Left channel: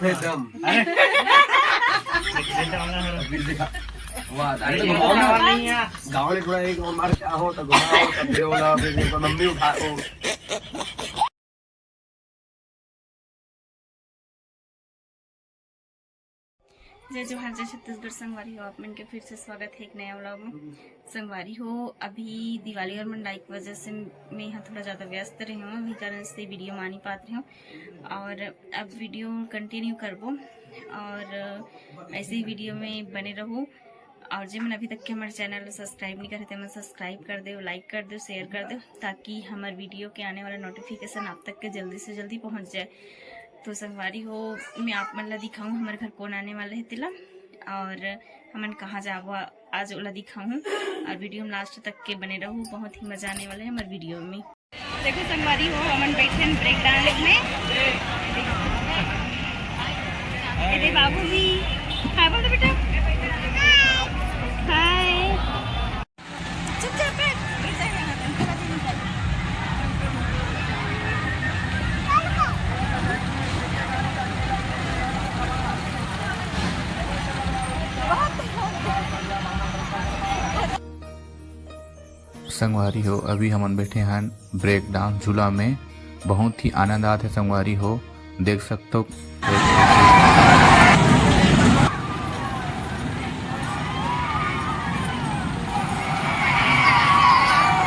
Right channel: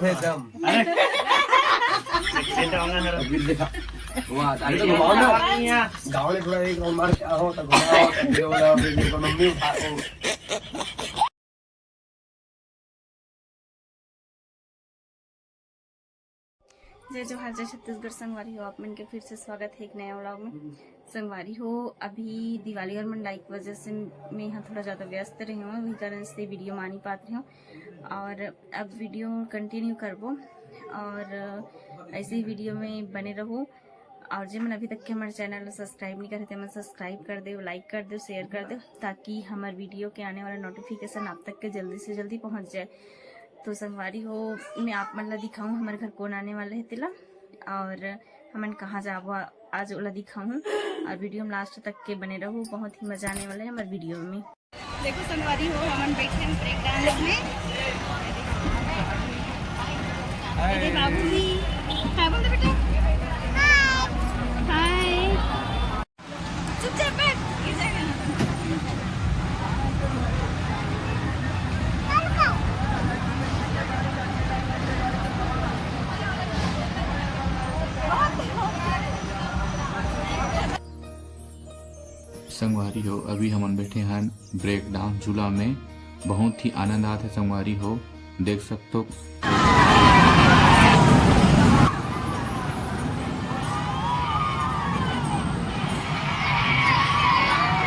एकदम अभी देखा वाह आगे तो घुमाओ ना गाँव में थोड़ा एक और मार के आओ तो घुमाओ ये वाला इकोनॉमी उठाओ। जय जोहार जय छत्तीसगढ़। संगवारी हो आप मन के फिर से स्वागत है एक नया व्लॉग में। संगवारी हो अभी दिवाली और मंडाई की वजह से मैं यहाँ थोड़ा ज़्यादा व्यस्त रही हूँ, वही कारण से वीडियो मा नहीं पात रही हूँ और अब वीडियो कंटिन्यू करबो और ऐसे ही वीडियो में बने रहो। और जो मन अभी तक के हमारे चैनल को सब्सक्राइब नहीं करे थे मन सब्सक्राइब कर दो, लाइक कर दो, शेयर कर दो ताकि हमारे वीडियो के आने वाला नोटिफिकेशन आप तक के जल्दी से जल्दी पहुँच जाए। तो संगवारी हो मैं आप मन ला दिखाऊँ हमारे घर कौन आने वाला है तिला और हमन कहाँ जाबो आज ओला दिखाऊँ और वीडियो में लास्ट तक के बने रहो, बहुत ही मजा आने वाला है हमारे वीडियो में। देखो संगवारी हो हमन बैठे हैं ब्रेक डांस में। अरे बाबू भी हाय बोल दो बेटा। हाय चुपचाप बैठ। संगवारी हो अभी हमन बैठे हैं ब्रेक डांस झूला में, बहुत ही आनंद आते है। संगवारी हो देख सकते हो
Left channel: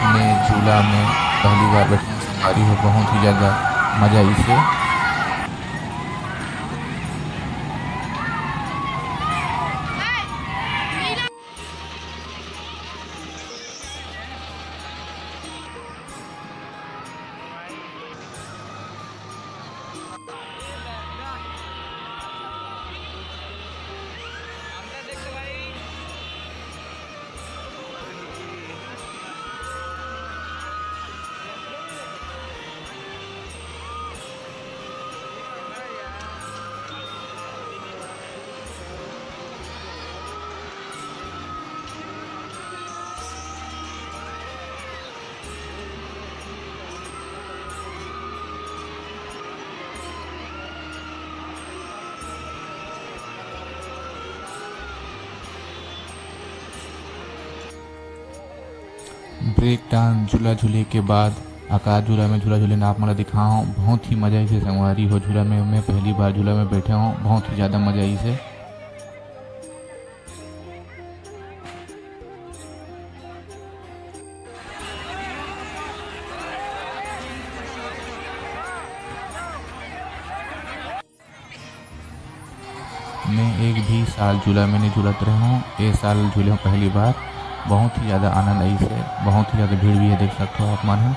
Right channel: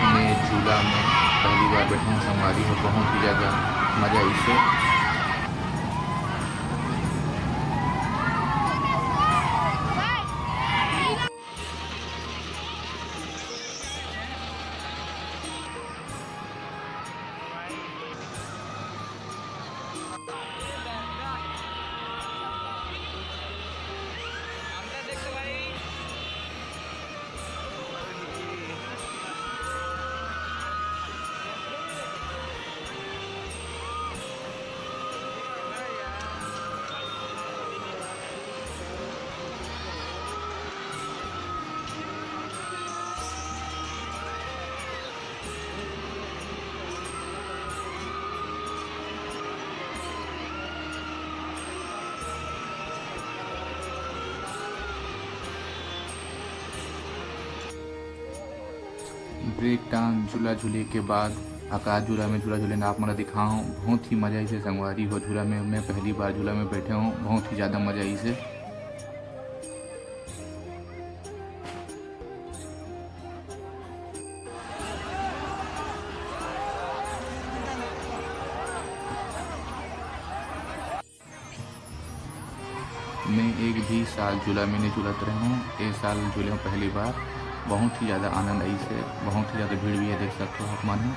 मैं झूला में पहली बार बैठा हूँ। संगवारी हो बहुत ही ज़्यादा मजा इसे। ब्रेक डांस झूला झूले के बाद आकाश झूला में झूला झूले आप मला दिखा हूँ, बहुत ही मजा इसे। संगवारी हो झूला में मैं पहली बार झूला में बैठे हूँ, बहुत ही ज़्यादा मजा इसे। मैं एक भी साल झूला में नहीं झूलत रहा हूँ, ये साल झूले पहली बार, बहुत ही ज़्यादा आनंद आई से। बहुत ही ज़्यादा भीड़ भी है, देख सकते हो आप मन हो।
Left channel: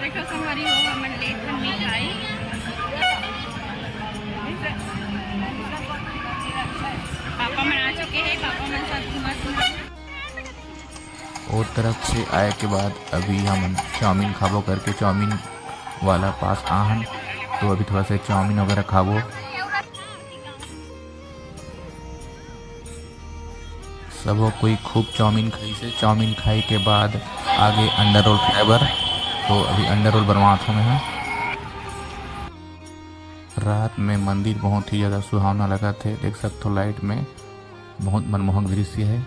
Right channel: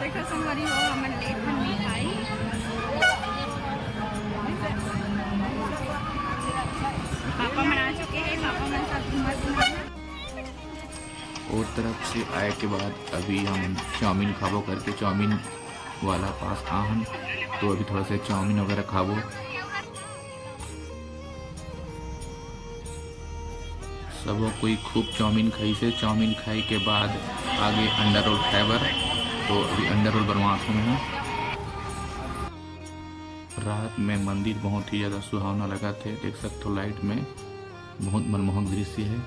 देखो संगवारी हो हमन लेट खन मिठाई पापा मन आ चुके हैं, पापा मन साथ घूमत और तरफ से आए के बाद अभी हम चाउमीन खाबो करके चाउमीन वाला पास आहन, तो अभी थोड़ा सा चाउमीन वगैरह खाबो। सब कोई खूब चाउमीन खाई से। चाउमीन खाई के बाद आगे अंडा रोल फ्लेवर, तो अभी अंडा रोल बनवाते हैं। रात में मंदिर बहुत ही ज़्यादा सुहावना लगा थे, देख सकते हो लाइट में, बहुत मनमोहक दृश्य है।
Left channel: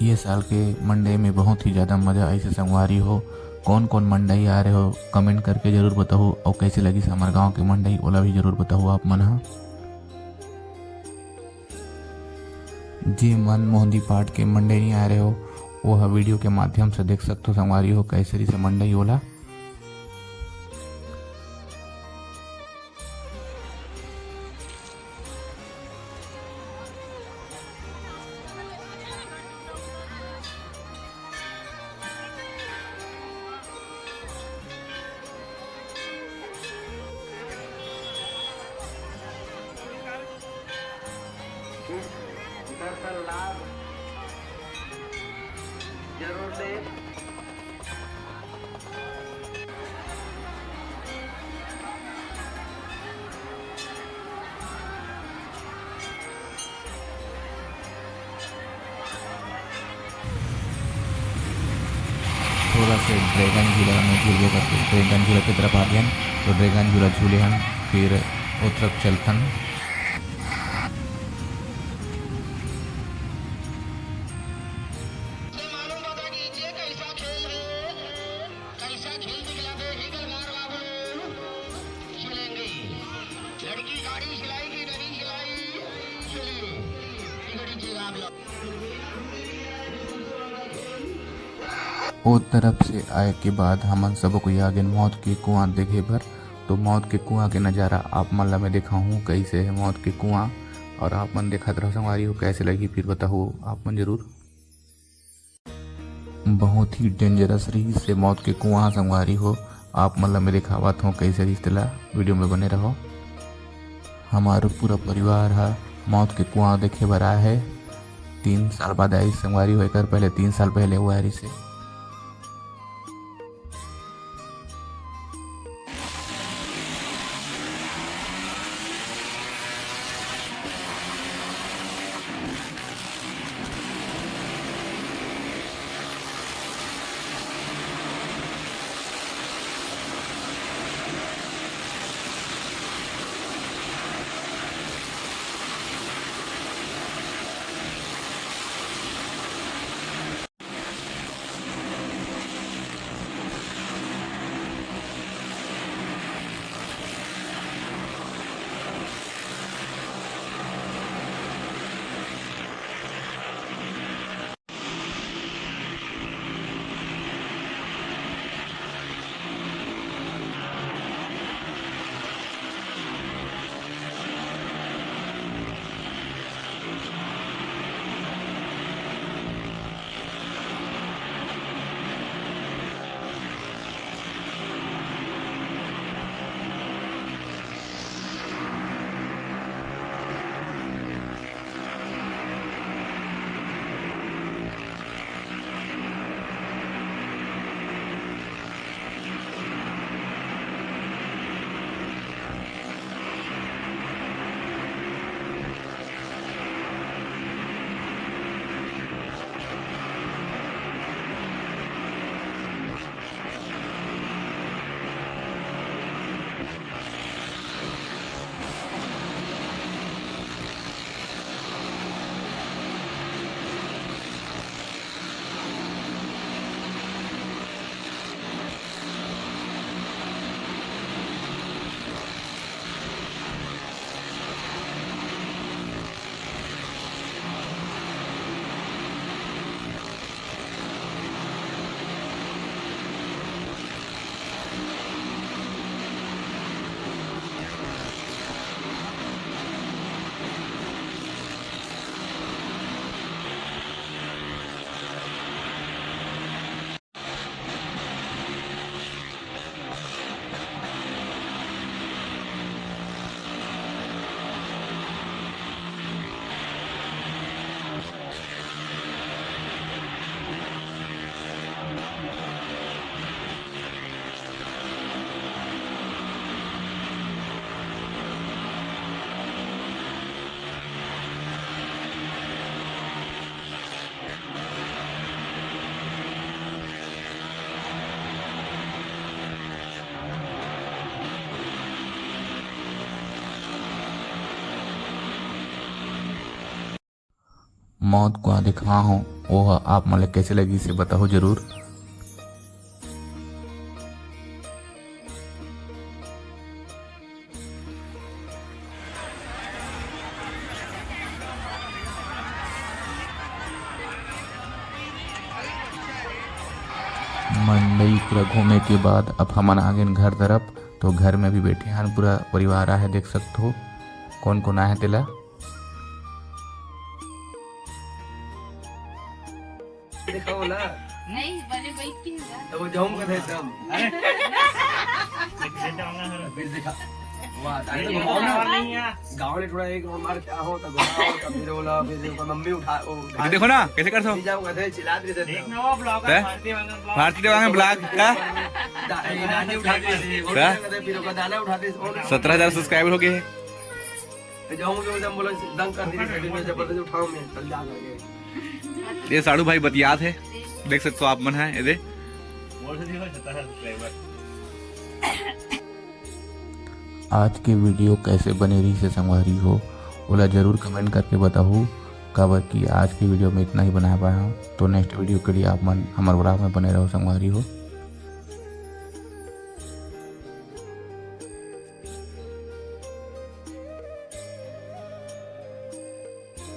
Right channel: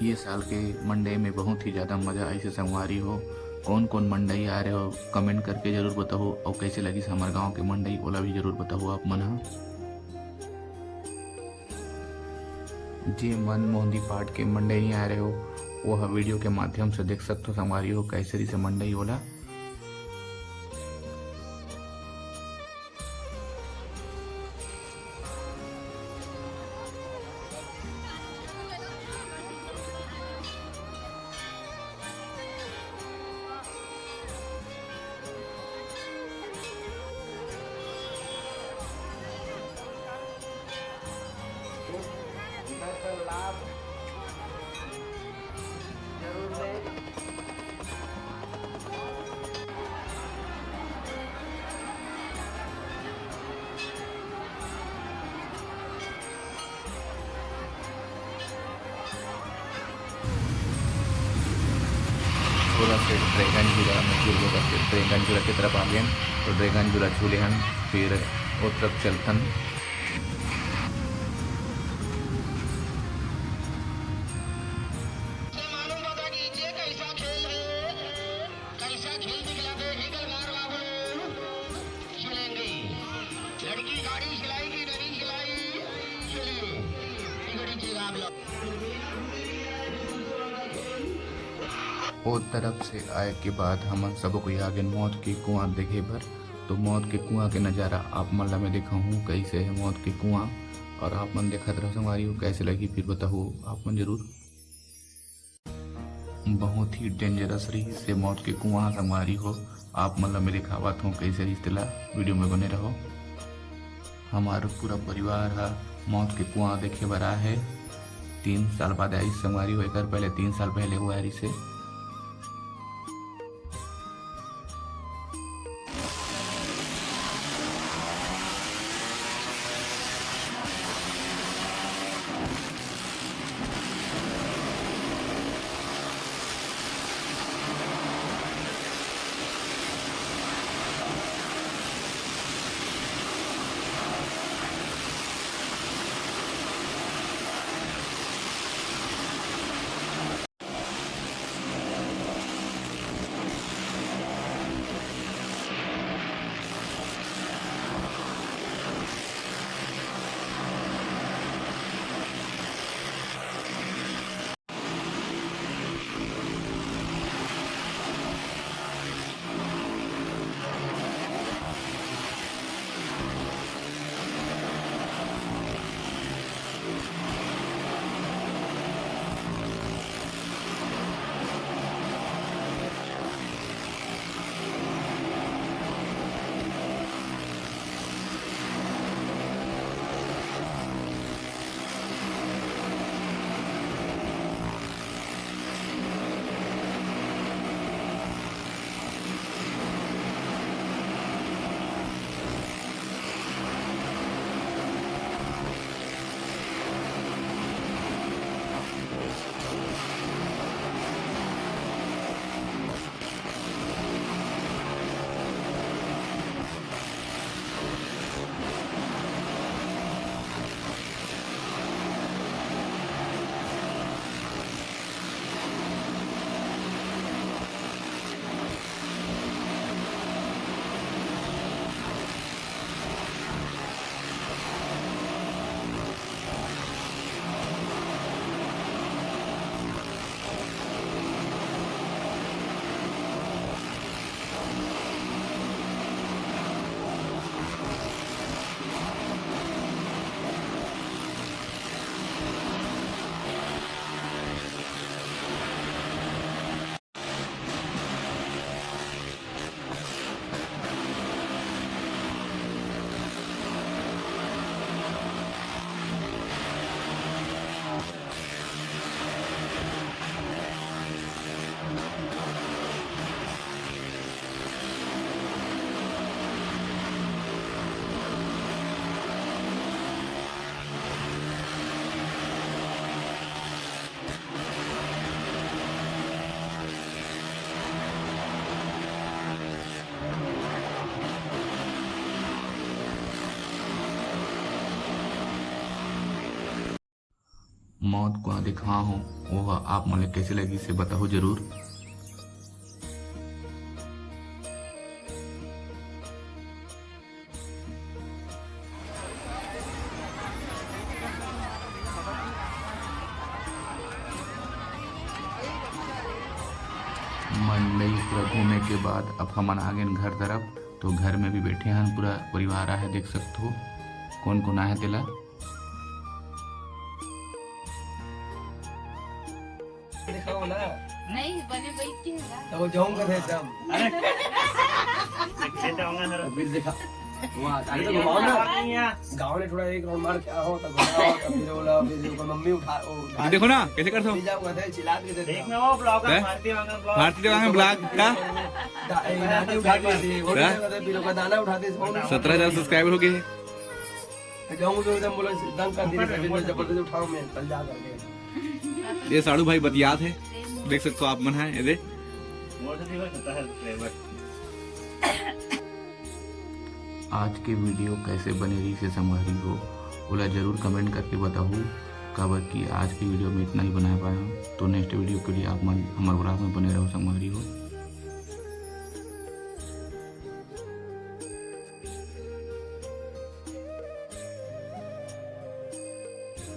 ये साल के मंडे में बहुत ही ज़्यादा मज़ा ऐसे। संगवारी हो कौन कौन मंडई आ रहे हो कमेंट करके ज़रूर बताओ, और कैसे लगी हमारे गांव की मंडई ओला भी ज़रूर बताओ आप मन। जी मन मोहंदी पाठ के मंडई नहीं आ रहे हो वो वीडियो के माध्यम से देख सकते हो। संगवारी हो कैसे से मंडई ओला। से ड्रैगन झूला में झूले करके ड्रैगन झूला की तरफ आ गए तो ड्रैगन झूला झूले हम फिर वो तरफ चलतन। ओ तरफ से आए के बाद हमन सब कोई आगे मौत के कुआं देखे बर। तो मौत के कुआं के नज़ारा आप मन ला मैं देखा हूँ कैसे है मौत के कुआं, और आप मन देखत रहो संगवारी हो कैसे लगी फिर बताओ आप मन जरूर। बहुत ही डेंजरस रही से मौत के कुआं संगवारी हो, आप मन ला मैं दिखावत हूँ कैसे रही तेला वीडियो में बने रहो। हमारा पूरा परिवार है मौत के कुआं देखे बर आया है। 3 साल बाद आई संगवारी होकर, पहले 3 साल पहले हुआ है से। मौत को दिखा हूँ वो आप मतलब कैसे लगी से बताओ जरूर। मंडई पूरा घूमने के बाद अब हम आ गए घर तरफ। तो घर में भी बैठे हैं पूरा परिवार है, देख सकते हो कौन कौन आया तेला। दिखाओ ना नहीं बने बैठी है तो वो जाऊंगा थे एकदम फिर दिखा वाह ताकि तो घुमाओ ना गांव में थोड़ा एक राउंड मार के आओ तो घुमाओ तो फिर बोला फिर मम्मी उठा ये देखो ना कैसे करते हो जाऊंगा थे चिल्ला रही थी देखना वो ब्लॉगर भारती देवांगन ब्लॉग का दादी उठा के दे वो फिर को दाना उठाते 17,000 सब्सक्राइबर हो गए। जाऊं जो एकदम बोला दंग कर दिया फिर मैं जबरदस्ती उठाऊं मैं चल जा करके। ये साड़ू भाई बतियात है, देख सकते हो आप मन है ये दे आज के वीडियो कैसे बने रही से संगवारी हो बोला जरूर कमेंट करके बताओ। काबर कि आज की वीडियो में इतना ही बना पाया हूँ। तो नेक्स्ट वीडियो के लिए आप मन हमारे ब्लॉग में बने रहो संगवारी हो।